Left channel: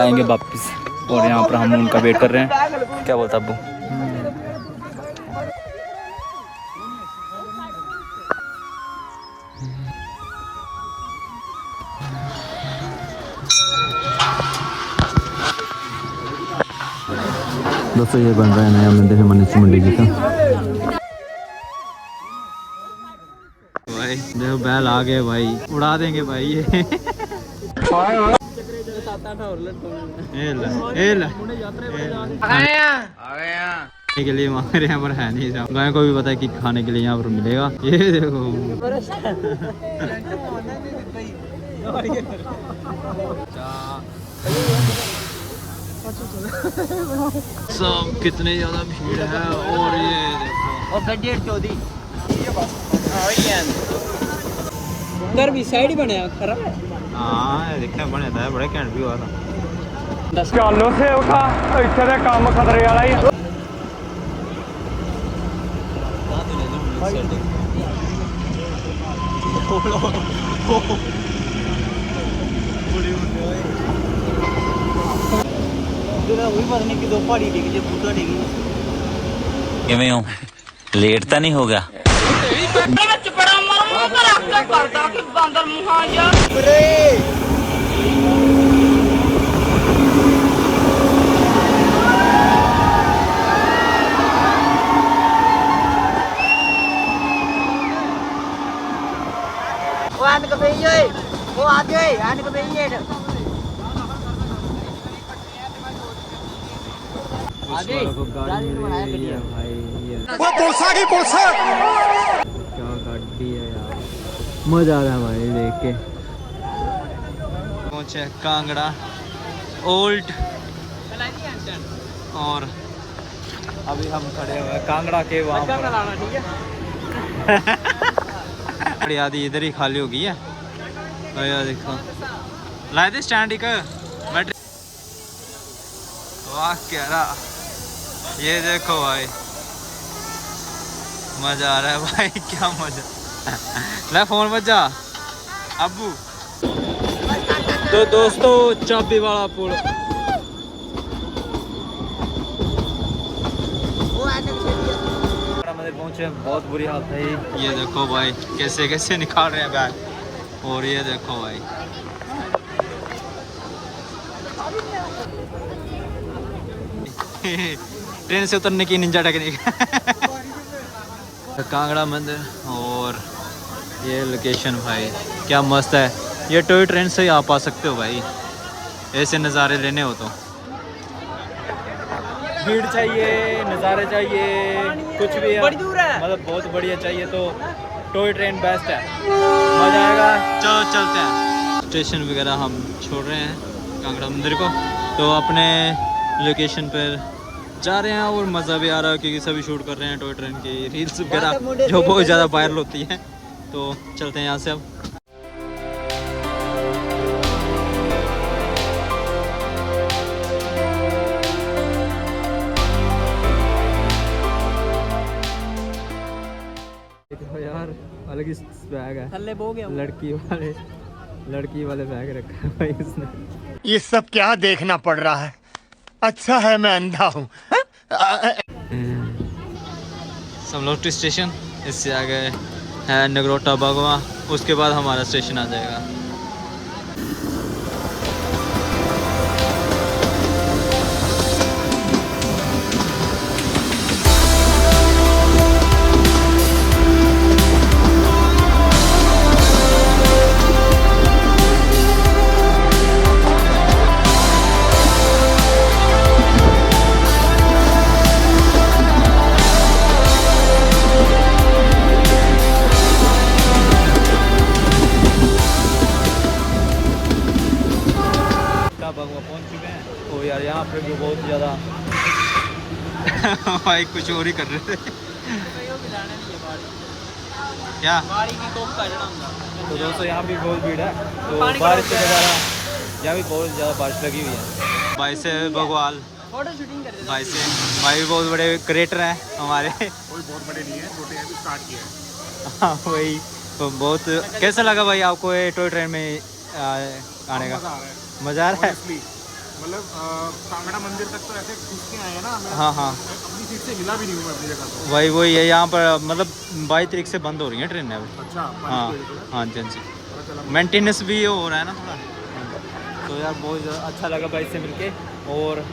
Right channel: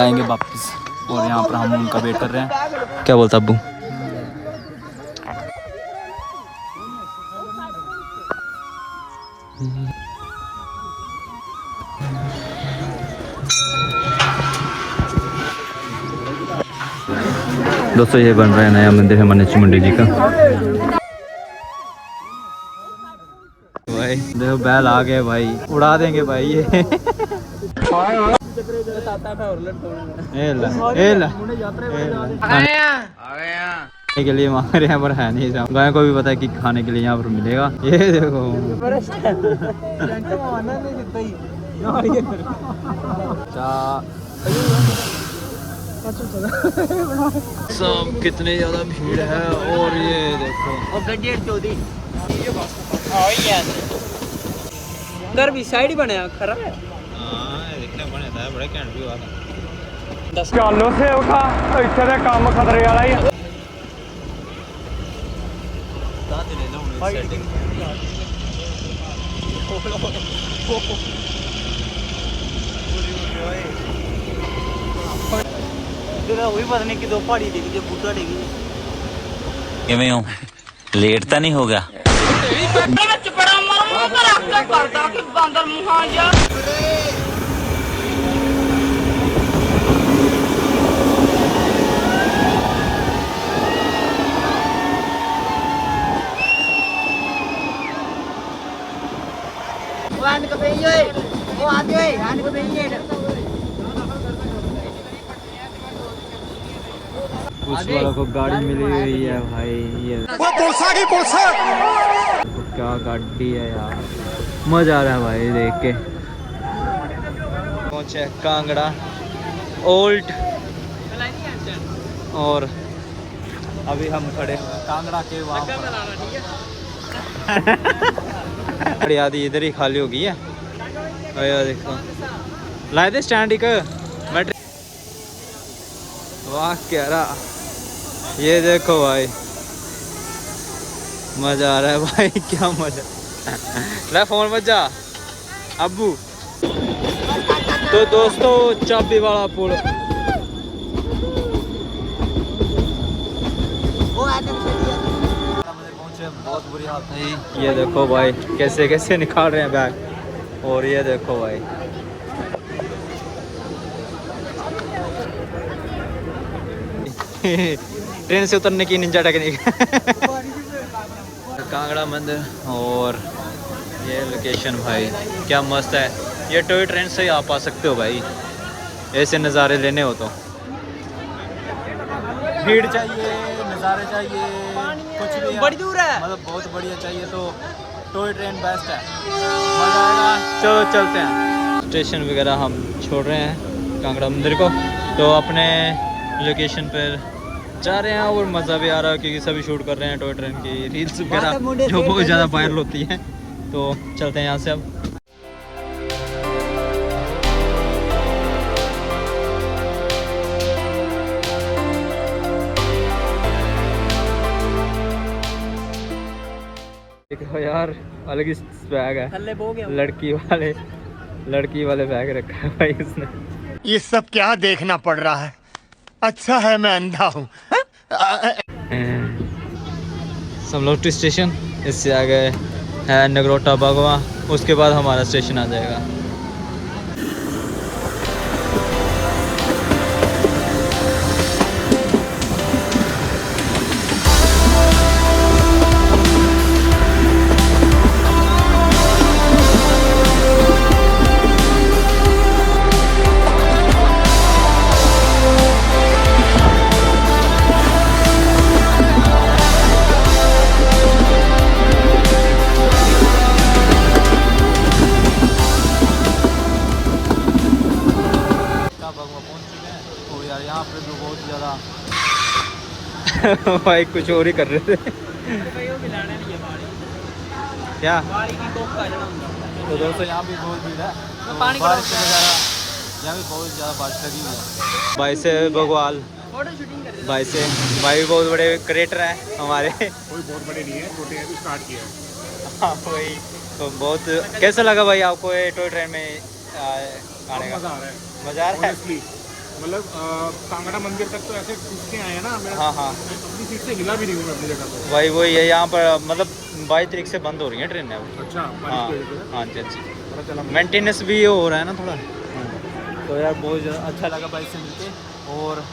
आएंगे वापस और यहाँ पर हम उनका वेट कर रहे हैं। क्या बोलता अब्बू? दोस्तों ये बन रहा है नया मंदिर है मनीष मुंडे जी का। भाई देखो बैल आ गए भाई, उड़ा देंगे भाई ये। के लिए हमारे यहाँ पर है नहीं, गाय को भी पता है कि खाने के लिए यहाँ पर मिलेगा। ये देखो सब कितनी ज्यादा भीड़ है। और ये देखो और गड्डी चौधरी उधर भी साइड बने खराब है। हाँ देखने बने था, बड़े कैंट भी हुआ था। चालो से उठा इतने दे काम खतरे वाला ही। लेट तो नहीं होगा। उस वाला को गाड़ी मिली हुई है भाई। ये वो पुलसा की पुलसा क्या गाड़ी है यार, मजा आ रहा है भाई देख के। पहुंचे कांगड़ा ओल्ड और अभी हम खड़े हुए हैं कांगड़ा के वहाँ पर। आदि इधर ही खाली हो गई है। यार देखो लाए थे स्टैंड एक वाह क्या रहा। ये देखो भाई मजा आ रहा है भाई, क्या मजा। ले फोन बजा अब्बू। तो दोस्तों चाबी वाला पुल पहुंचे, बहुत बुरी हालत है। ये देखो भाई कैसे कैसे निकाल रहे हैं बैग। और ये देखो भाई ट्रेन से उतरने की निंजा टेक्निक। कांगड़ा मंदिर और ये लोकेशन भाई क्या मस्त है। ये टॉय ट्रेन से ही आप आ सकते हो भाई, ऐसे नज़ारे लेने हो तो। भीड़ चाहिए, नज़ारे चाहिए, कुछ भी है मतलब बहुत बढ़िया चाहिए तो टॉय ट्रेन बेस्ट है, मज़ा आएगा। चलो चलते हैं। स्टेशन वगैरह हम छोड़ रहे हैं कांगड़ा मंदिर को, तो अपने लोकेशन पर जा रहे हैं और मज़ा भी आ रहा है क्योंकि सभी शूट कर रहे हैं टॉय ट्रेन की रील्स वगैरह जो बहुत ज़्यादा वायरल होती हैं। तो चलते हैं यहाँ से अब। देखो यार अलग ही बैग है, लड़की वाले बैग रखा है भाई उसने। ये सब क्या देखना पड़ रहा है। अच्छा है मैं अंधा हूँ। समलोटी स्टेशन, इससे आगे है नगरोटा बागवा, उसके बाद हमारा स्टेशन आ जाएगा। यहाँ पर भी बहुत ज़्यादा भाई कुछ और ही कर रहे थे क्या। तो दोस्तों यहाँ भी बहुत भीड़ है, तो बारिश वगैरह यहाँ भी बहुत ज़्यादा बारिश लगी हुई है। भाई से भगवाल भाई बहुत बड़े क्रिएटर हैं हमारे। कोई बहुत बड़े नहीं है, छोटे हैं, भी स्टार्ट किया है। वही तो बहुत। कैसा लगा भाई आपको ये टॉय ट्रेन में आने का? मज़ा आ रहा है, मज़ा आ रहा है। मतलब कांगड़ा मंदिर तक तो ऐसे खींच के आए हैं ना, मैं हाँ हाँ अपनी सीट से हिला भी नहीं हूँ मैं अपनी जगह पे। वही है यहाँ पर, मतलब 22 तारीख से बंद हो रही है ट्रेनें। अच्छा, हाँ बारिश की वजह से हाँ जी हाँ जी, पता चला। मेंटेनेंस भी हो रहा है ना थोड़ा। तो यार बहुत ज़्यादा अच्छा लगा भाई से मिलके। और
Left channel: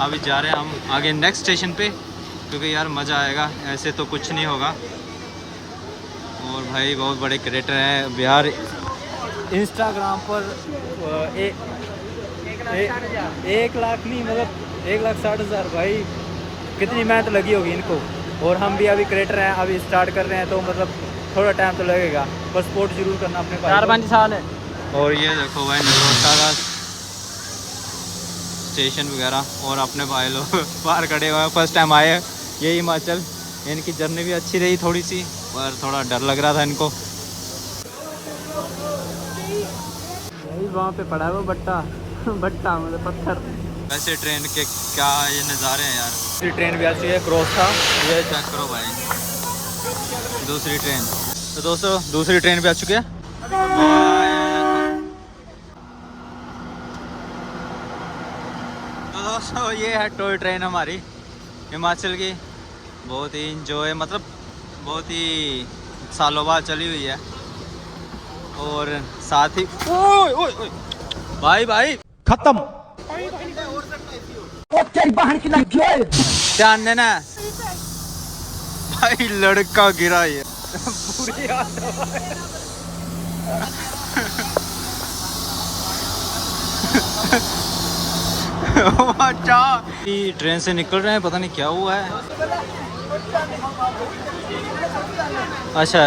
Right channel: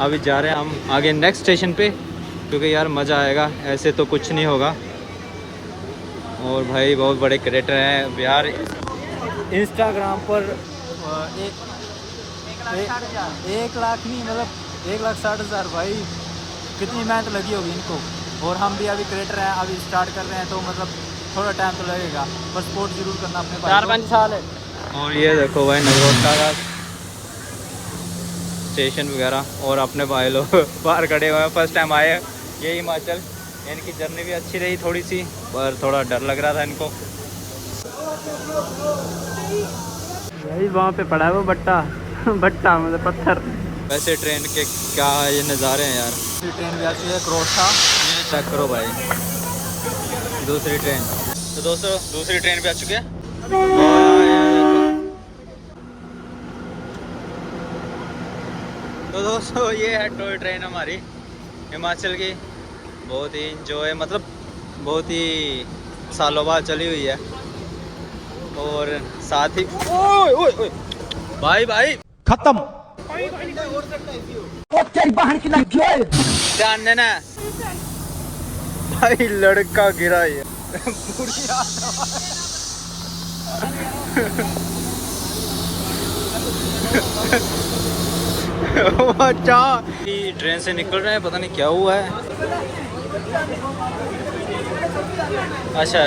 अभी जा रहे हैं हम आगे नेक्स्ट स्टेशन पे, क्योंकि यार मज़ा आएगा, ऐसे तो कुछ नहीं होगा। और भाई बहुत बड़े क्रिएटर हैं बिहार, इंस्टाग्राम पर 1,60,000 नहीं, मतलब 1,60,000 भाई, कितनी मेहनत लगी होगी इनको। और हम भी अभी क्रिएटर हैं, अभी स्टार्ट कर रहे हैं, तो मतलब थोड़ा टाइम तो लगेगा, बस सपोर्ट जरूर करना अपने भाई को। और ये देखो भाई नगरोटा का स्टेशन वगैरह, और अपने भाई लोग बाहर खड़े हुए हैं, फर्स्ट टाइम आए ये हिमाचल। इनकी जर्नी भी अच्छी रही थोड़ी सी, पर थोड़ा डर लग रहा था इनको। यही वहाँ पे पड़ा है वो भट्टा भट्टा मतलब पत्थर। वैसे ट्रेन के क्या ये नज़ारे हैं यार। दूसरी ट्रेन भी आ चुकी है क्रोशा, ये चेक करो भाई दूसरी ट्रेन। तो दोस्तों दूसरी ट्रेन भी आ चुकी है। तो दोस्तों ये है टॉय ट्रेन हमारी हिमाचल की, बहुत ही इंजॉय, मतलब बहुत ही सालों बाद चली हुई है। और साथ ही ओए ओए ओए भाई भाई खत्म। ध्यान देना भाई, लड़का गिरा ये पूरी अच्छा ट्रेन से निकल रहे हैं, पता नहीं क्या हुआ है। अच्छा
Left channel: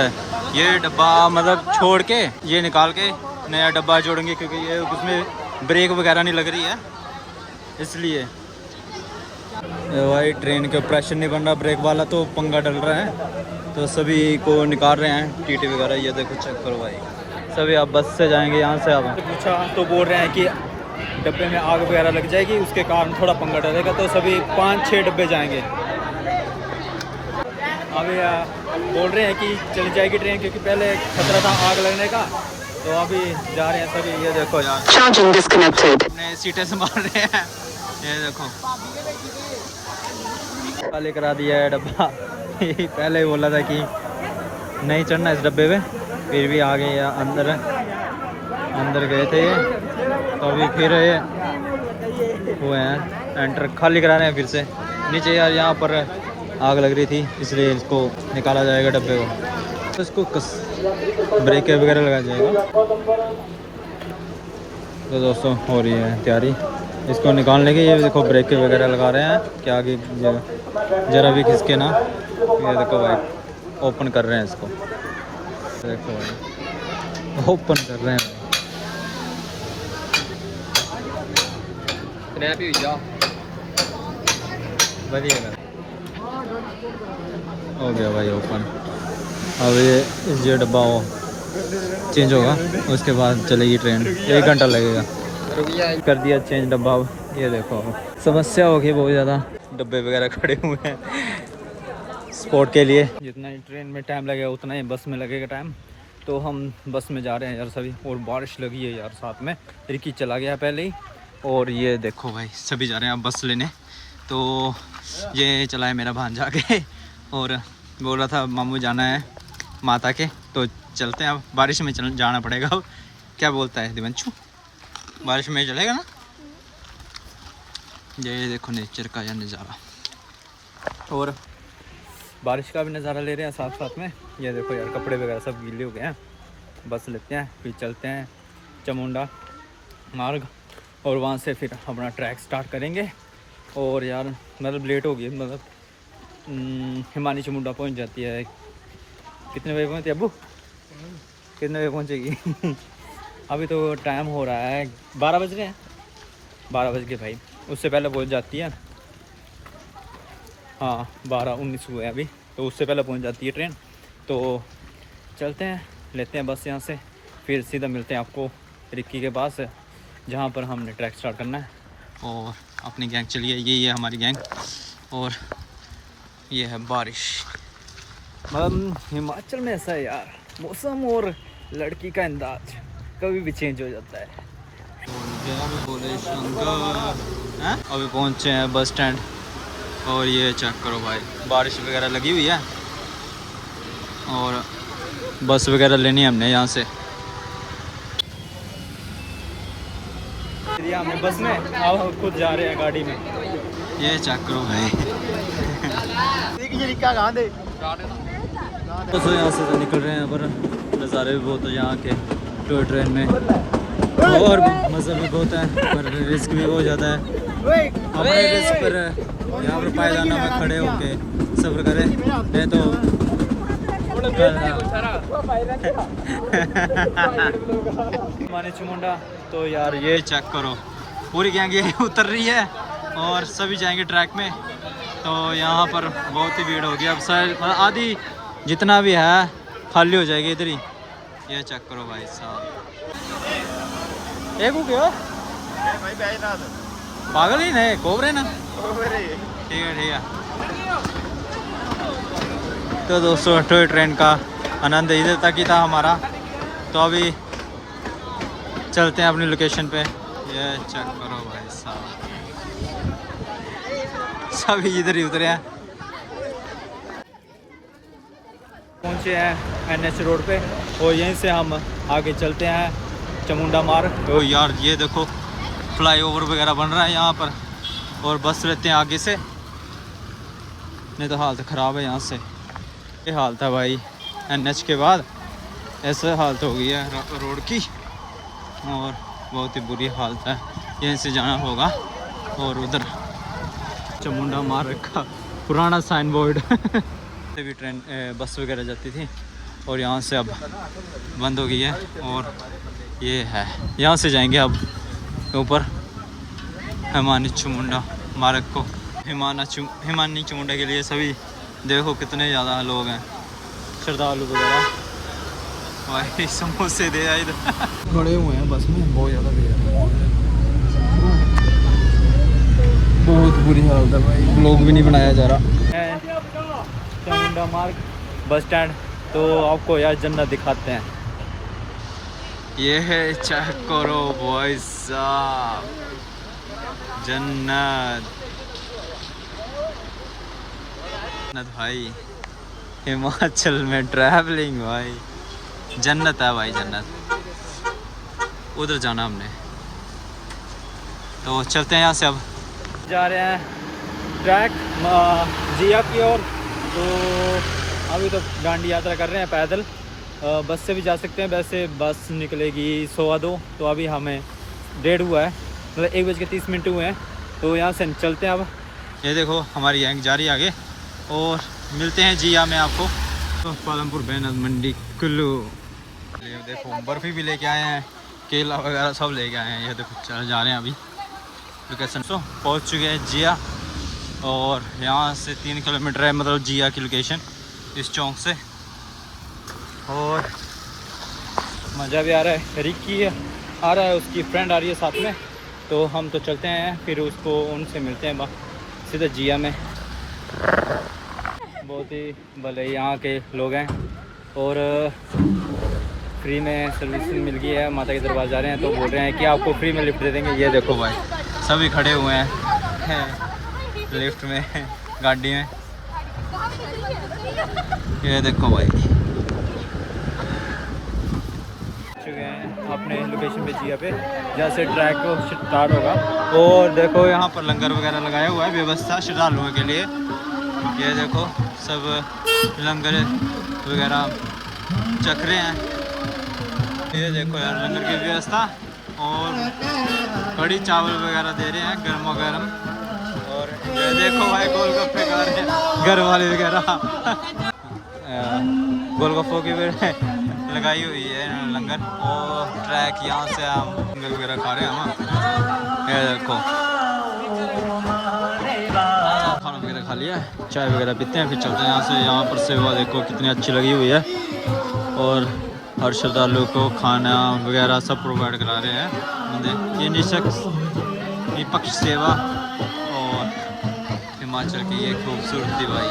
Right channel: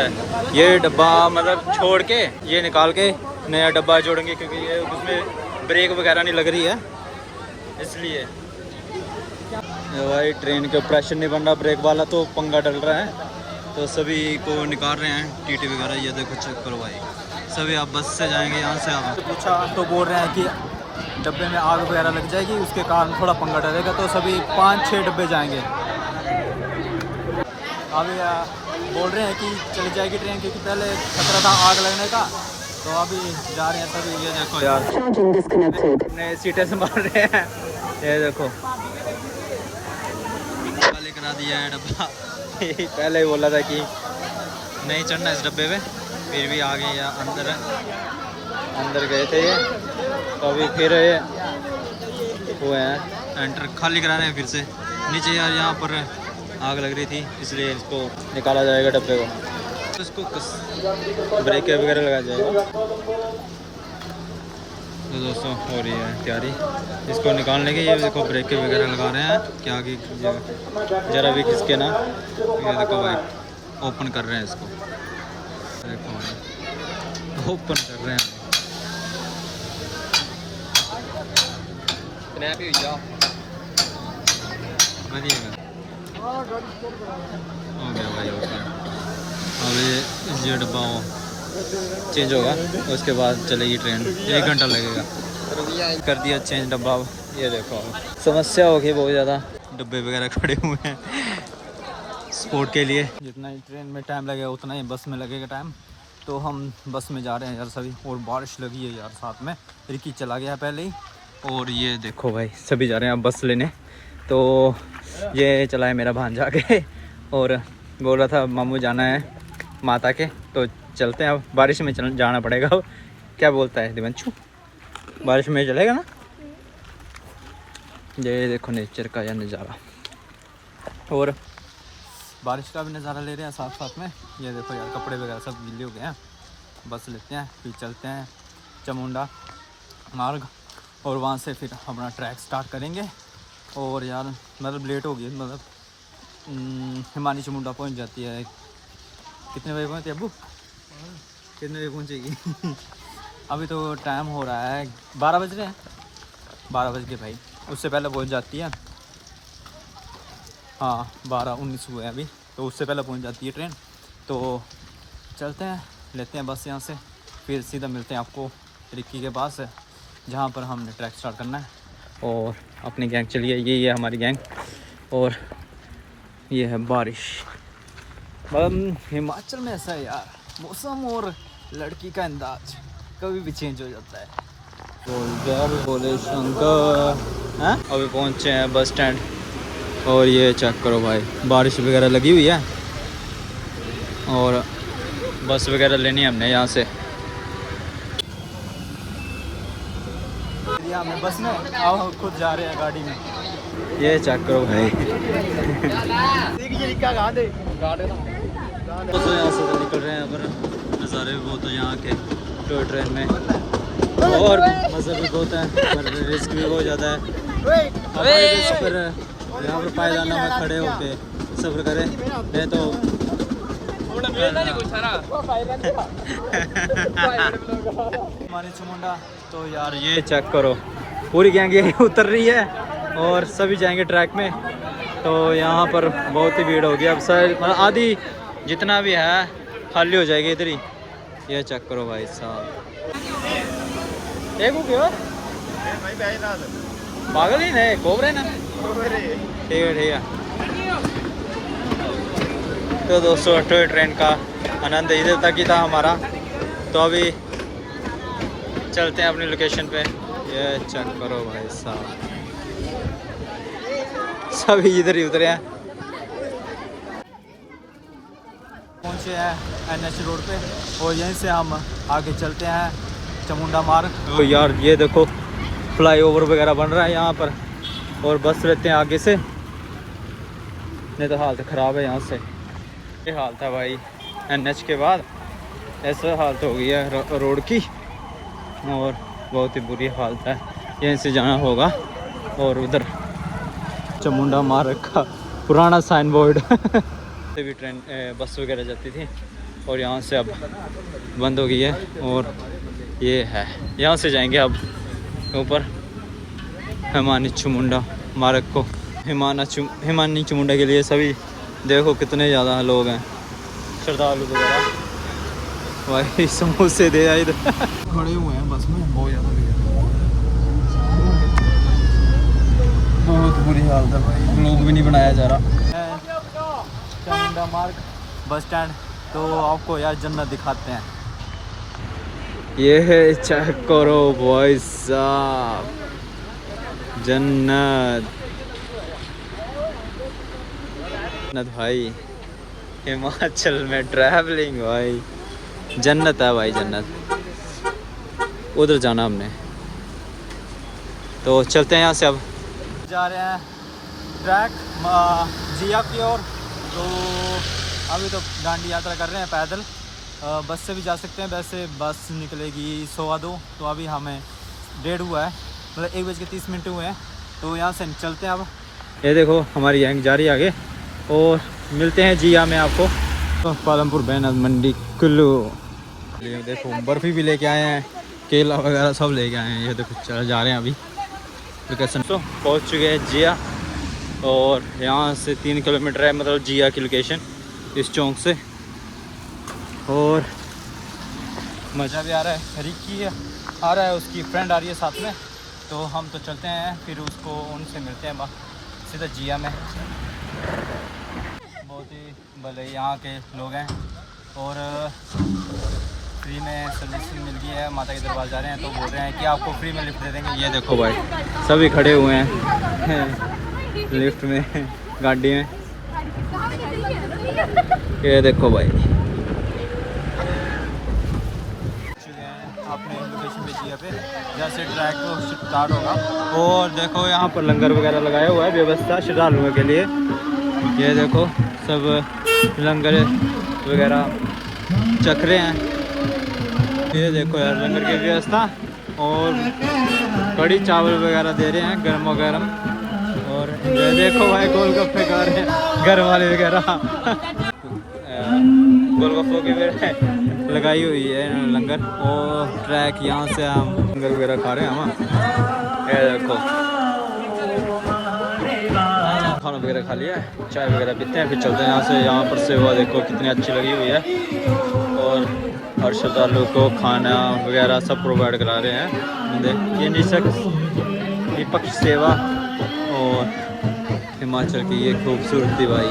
ये डब्बा मतलब छोड़ के ये निकाल के नया डब्बा जोड़ेंगे, क्योंकि ये उसमें ब्रेक वगैरह नहीं लग रही है इसलिए। भाई ट्रेन के प्रेशर नहीं बन रहा ब्रेक वाला, तो पंगा डल रहा है, तो सभी को निकाल रहे हैं टीटी वगैरह। ये देखो चेक करो भाई, सभी आप बस से जाएंगे यहाँ से। आप पूछा तो बोल रहे हैं कि डब्बे में आग वगैरह लग जाएगी, उसके कारण थोड़ा पंगा डलेगा, तो सभी 5-6 डब्बे जाएंगे। अभी बोल रहे हैं कि चली जाएगी ट्रेन, क्योंकि पहले खतरा था आग लगने का, तो अभी जा रहे हैं सभी। ये देखो यार अपने सीटें संभाल रहे हैं, ये देखो खाली करा दिया है डब्बा पहले बोला था कि नहीं चढ़ना इस डब्बे पे, फिर भी आ गए या अंदर गए थे, अभी फिर हुए हैं एंटर, खाली करा रहे हैं फिर से नीचे। यार यहाँ पर आग लग रही थी, इसलिए इसको निकाला जाएगा डब्बे को, तो इसको ब्रेक वगैरह लगा जाएगा। तो दोस्तों हो रही है तैयारी इसको निकालने की। ये देखो ब्रेक वगैरह लगा रहे हैं, क्या आगे जरा भी खिसके ना। ये देखो भाई ओपन कर रहे हैं इसको, देखो भाई ओपन कर रहे हैं भाई, बढ़िएगा हो गया भाई ओपन। अब ये डब्बा वो चेंज होगा, उसके बाद चलेगी ट्रेन, 1 घंटा लगेगा। कर दिया चेंज डब्बा। ये देखो समस्या होगी बहुत ज़्यादा, डब्बे वगैरह खड़े हुए हैं स्पोर्ट के लिए। जितना ही ट्रेन में टाइम लगेगा उतना ही बस में लगेगा टाइम, तो हम बस में जा रहे हैं यार सभी। और बारिश लगी है यार साथ में, रिकी चला गया पहले ही। और ये देखो भाई सभी जा रहे हैं अब बस लेने। तो ये चला है मेरा भांजा के, और बोल रहा था मामू जाना है माता के, तो चलते हैं। अब बारिश में जाना पड़ेगा। क्या बोलता है दिवंशु, बारिश में चलेगा ना? ये देखो नेचर का यह नज़ारा, और बारिश का भी नज़ारा ले रहे हैं साथ साथ में। ये देखो यार कपड़े वगैरह सब गीले हो गए हैं। बस लेते हैं फिर चलते हैं चामुंडा मार्ग, और वहाँ से फिर अपना ट्रैक स्टार्ट करेंगे। और यार मतलब लेट हो गई, मतलब हिमानी चामुंडा पहुँच जाती है। कितने बजे पहुँचती है अब्बू? कितने बजे पहुँचेगी? अभी तो टाइम हो रहा है 12 बज रहे हैं, 12 बज के भाई, उससे पहले पहुँच जाती है। हाँ 12:19 हुए अभी, तो उससे पहले पहुँच जाती है ट्रेन। तो चलते हैं, लेते हैं बस यहाँ से, फिर सीधा मिलते हैं आपको रिक्की के पास, जहाँ पर हमने ट्रैक स्टार्ट करना है। और अपनी गैंग चलिए, यही है हमारी गैंग। और ये है बारिश। मतलब हिमाचल में ऐसा है यार, मौसम और लड़की का अंदाज कभी भी चेंज हो जाता है बोल गया अभी बोले शंकर हैं। अभी पहुंचे हैं बस स्टैंड और ये चेक करो भाई, बारिश वगैरह लगी हुई है और बस वगैरह लेनी है हमने यहाँ से। हमने बस में, अब खुद जा रहे हैं गाड़ी में। ये चेक करो भाई। निकल रहे हैं पर नज़ारे भी बहुत है यहाँ के टॉय ट्रेन में और मज़ा भी बहुत है, रिस्क भी हो जाता है। पायदाना में खड़े होके सफ़र करें मैं तो मानी चुमुंडा। तो यार ये चेक करो, पूरी गैंग ये उतर रही है और सभी जाएंगे ट्रैक में। तो यहाँ पर बहुत ही भीड़ होगी अब सर, आधी जितना भी है खाली हो जाएगी इधर ही। ये चेक करो भाई साहब, एक हो गया पागल ही नहीं, कोबरे ना। ठीक है ठीक है। तो दोस्तों टॉय ट्रेन का आनंद इधर तक ही था हमारा। तो अभी चलते हैं अपनी लोकेशन पे। ये चेक करो भाई साहब, सभी इधर ही उतरे हैं। पहुंचे हैं NH रोड पे और यहीं से हम आगे चलते हैं चामुंडा मार्ग। तो यार ये देखो फ्लाईओवर वगैरह बन रहा है यहाँ पर और बस लेते हैं आगे से, नहीं तो हालत ख़राब है यहाँ से। ये हालत है भाई NH के बाद, ऐसे हालत हो गई है रोड की और बहुत ही बुरी हालत है। यहीं से जाना होगा और उधर चामुंडा मार्ग का पुराना साइन बोर्ड भी ट्रेन बस वगैरह जाती थी और यहाँ से अब बंद हो गई है। और ये है यहाँ से जाएंगे अब ऊपर हिमानी चामुंडा मार्ग को। हिमानी चामुंडा के लिए सभी देखो कितने ज़्यादा लोग हैं, श्रद्धालु वगैरह। भाई समोसे दे आए इधर खड़े हुए हैं बस में, बहुत ज़्यादा भीड़, बहुत बुरी हालत है भाई। ब्लॉग भी नहीं बनाया जा रहा है। चामुंडा मार्ग बस स्टैंड। तो आपको यार जन्नत दिखाते हैं। ये है चेक करो भाई साहब, जन्नत भाई। हिमाचल में ट्रैवलिंग भाई जन्नत है भाई, जन्नत। उधर जाना हमने, तो चलते हैं यहाँ से। अब जा रहे हैं ट्रैक जिया की ओर। तो अभी तो डांडी यात्रा कर रहे हैं पैदल, बस से भी जा सकते हैं। वैसे बस निकलेगी 2:15, तो अभी हमें 1:30 हुआ है, मतलब 1:30 हुए हैं। तो यहाँ से चलते हैं अब। ये देखो हमारी गैंग जा रही है आगे और मिलते हैं जिया में आपको। तो पालमपुर बैनर मंडी कुल्लू। ये देखो बर्फ़ी भी लेके आए हैं, केला वगैरह सब लेके आए हैं। ये देखो जा रहे हैं अभी लोकेशन। तो पहुँच चुके हैं जिया और यहाँ से 3 किलोमीटर है, मतलब जिया की लोकेशन इस चौक से। और मज़ा भी आ रहा है। रिक्की आ रहा है, उसकी फ्रेंड आ रही है साथ में। तो हम तो चलते हैं, फिर उसको उनसे मिलते हैं सीधा जिया में। बहुत ही भले यहाँ के लोग हैं और फ्री में सर्विस मिल गई है। माता के दरबार जा रहे हैं तो बोल रहे हैं कि आपको फ्री में लिफ्ट दे देंगे। ये देखो भाई सभी खड़े हुए हैं लिफ्ट में, गाड़ी में। ये देखो भाई अपने लोकेशन पे जिया पे, जहाँ से ट्रैक स्टार्ट होगा। और देखो यहाँ पर लंगर वगैरह लगाया हुआ है, व्यवस्था श्रद्धालुओं के लिए। ये देखो सब लंगर वगैरह चख रहे हैं। ये देखो यार लंगर की व्यवस्था और कड़ी चावल वगैरह दे रहे हैं गर्मा गर्म। और ये देखो भाई गोलगप्पे खा रहे हैं घर वाले वगैरह। गोलगप्पों की लगाई हुई है लंगर। और ट्रैक यहाँ से हम लंगर वगैरह खा रहे हैं हम। ये देखो खाना वगैरह खा लिया, चाय वगैरह पीते हैं, फिर चलते हैं यहाँ से। यहाँ पर सेवा देखो कितनी अच्छी लगी हुई है और हर श्रद्धालु को खाना वगैरह सब प्रोवाइड करा रहे हैं। ये निःशुल्क निपक्ष सेवा और हिमाचल की ये खूबसूरती भाई।